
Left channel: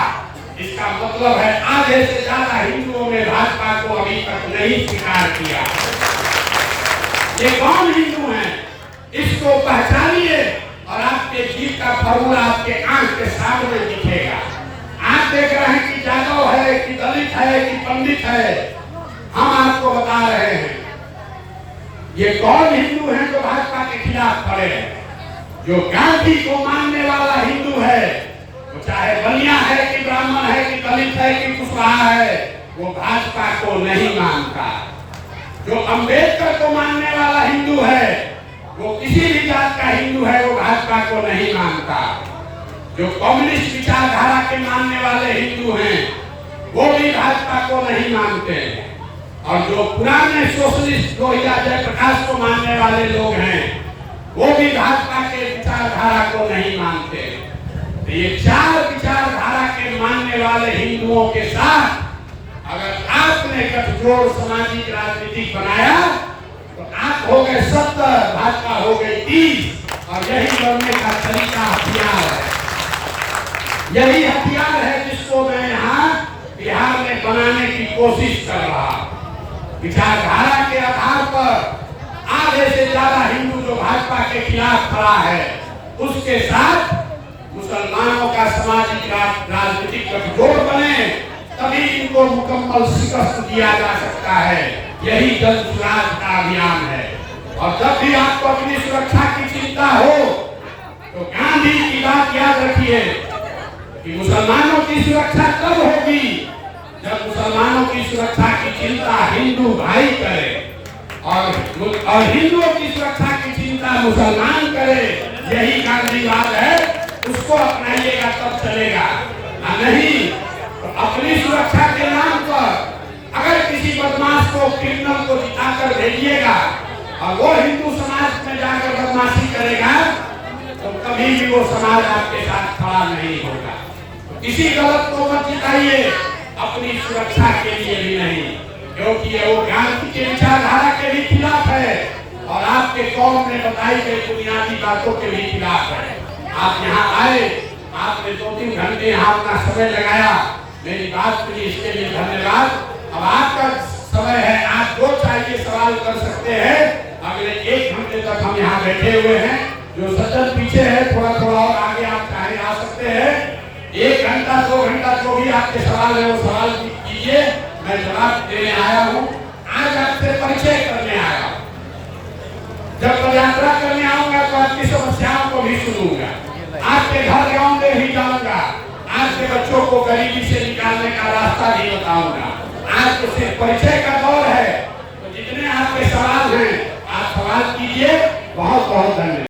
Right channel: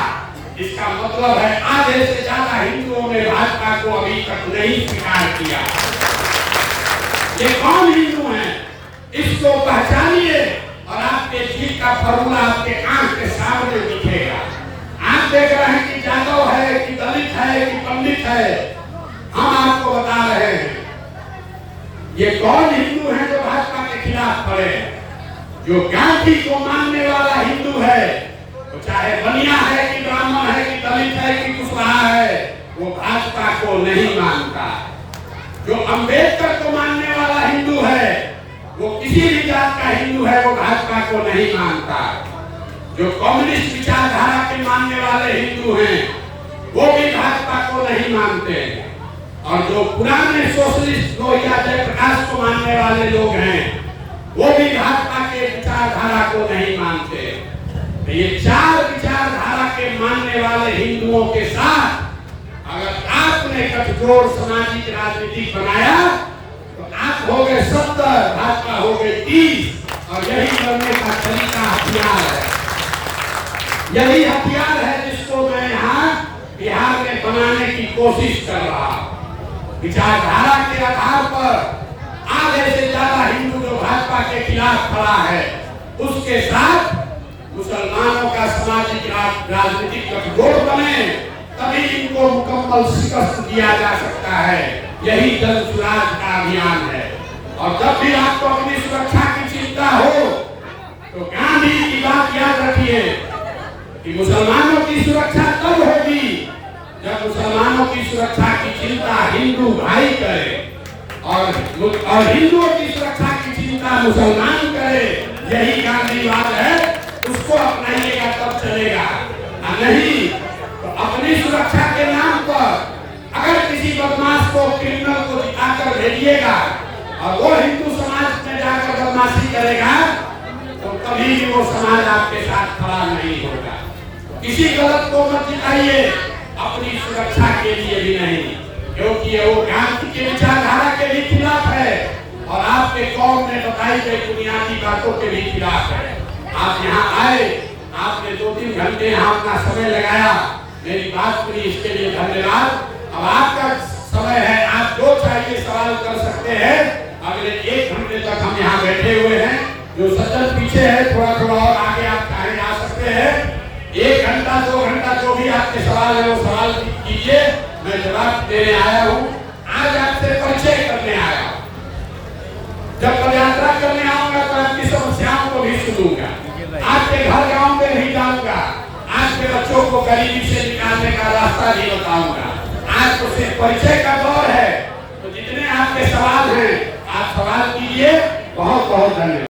इसका मतलब है आधे से ज्यादा हिंदुओं ने भाजपा को अभी तक नहीं स्वीकार किया। ये कौन हिंदू हैं, इसको पहचानिए और आपके जीत का फॉर्मूला आपके आंख के सामने दिखेगा। आप देख रहे हैं कि जादव है कि दलित है कि पंडित है, हम आपको बता रहे हैं ये कौन हिंदू है जो भाजपा के खिलाफ खड़े हैं। जो गांधी को मानने वाला हिंदू है, तो चाहे बनिया है कि ब्राह्मण है कि दलित है कि कुशवाहा है, वो भाजपा को नहीं मानता। जो अंबेडकर को मानने वाला हिंदू है, वो किसी भी जात का हिंदू है, वो भाजपा को नहीं मानता। जो कम्युनिस्ट विचारधारा के मानने वाले हिंदू हैं, वो भी भाजपा को नहीं मानते। और जो पुराने सोशलिस्ट लोहिया जयप्रकाश को मानने वाले लोग हैं, वो भी भाजपा के विचारधारा को नहीं मानते। तो ये चार विचारधारा के मानने वाले हिंदुओं के साथ अगर आपने गठजोड़ सामाजिक राजनीति बनाया तो आप हो गए 70, भाजपा हो गए 30, और यही बनने का तरीका हथियार है। यही हथियार है जिसको मैं यहाँ बिहार में बनाने की कोशिश कर रहा हूँ। विचारधारा के आधार पर आधे से ज्यादा हिंदू जो भाजपा के खिलाफ खड़ा है, उसके साथ मुसलमानों का सामाजिक राजनीतिक गठजोड़ बने, तभी इनको मुकम्मल शिकस्त दिया जा सकता है। यही जन सुराज का अभियान है। और जब भी आपको अपनी सुरक्षा की चिंता हो तो गांधी की बात याद रखिए कि मुसलमानों की सुरक्षा तब होगी जब मुसलमानों की सुरक्षा की चिंता हिंदू भाई करे और हिंदुओं की सुरक्षा की चिंता मुसलमान करे। यही गांधीवाद है, उसको अपनाइएगा तब चलेगा, नहीं तो अपनी सुरक्षा के नाम पर अगर किसी बदमाश को, क्रिमिनल को जिताकर भेजिएगा और वो हिंदू समाज में जाकर बदमाशी करेगा, तो कभी भी वो समाज आपके साथ खड़ा नहीं होगा। तो किसी गलत को मत जिताइए, अपनी सुरक्षा के लिए भी नहीं, क्योंकि ये वो गांधी के विचारधारा के भी खिलाफ है और आपके कौम में बताई गई बुनियादी बातों के भी खिलाफ है। आप यहाँ आए, आपने 2-3 घंटे यहाँ अपना समय लगाया, मेरी बात सुनी, इसके लिए धन्यवाद। अब आपका समय है, आप जो चाहिए सवाल कर सकते हैं। अगले 1 घंटे तक हम यहाँ बैठे हुए हैं। जो सज्जन पीछे है, थोड़ा थोड़ा और आगे आप चाहे आ सकते हैं। 1 घंटा 2 घंटा जो भी आपके सवाल है वो सवाल कीजिए, मैं जवाब देने आया हूँ। आज आपसे परिचय करने आया हूँ। जब पदयात्रा करने आऊंगा तो आपकी समस्याओं को भी सुनूंगा, आपके घर गांव में भी जाऊंगा, आपके बच्चों को गरीबी से निकालने का रास्ता भी बताऊंगा। आज तो सिर्फ परिचय का दौर है, तो जितने आपके सवाल हैं आप सवाल कीजिए। बहुत बहुत धन्यवाद।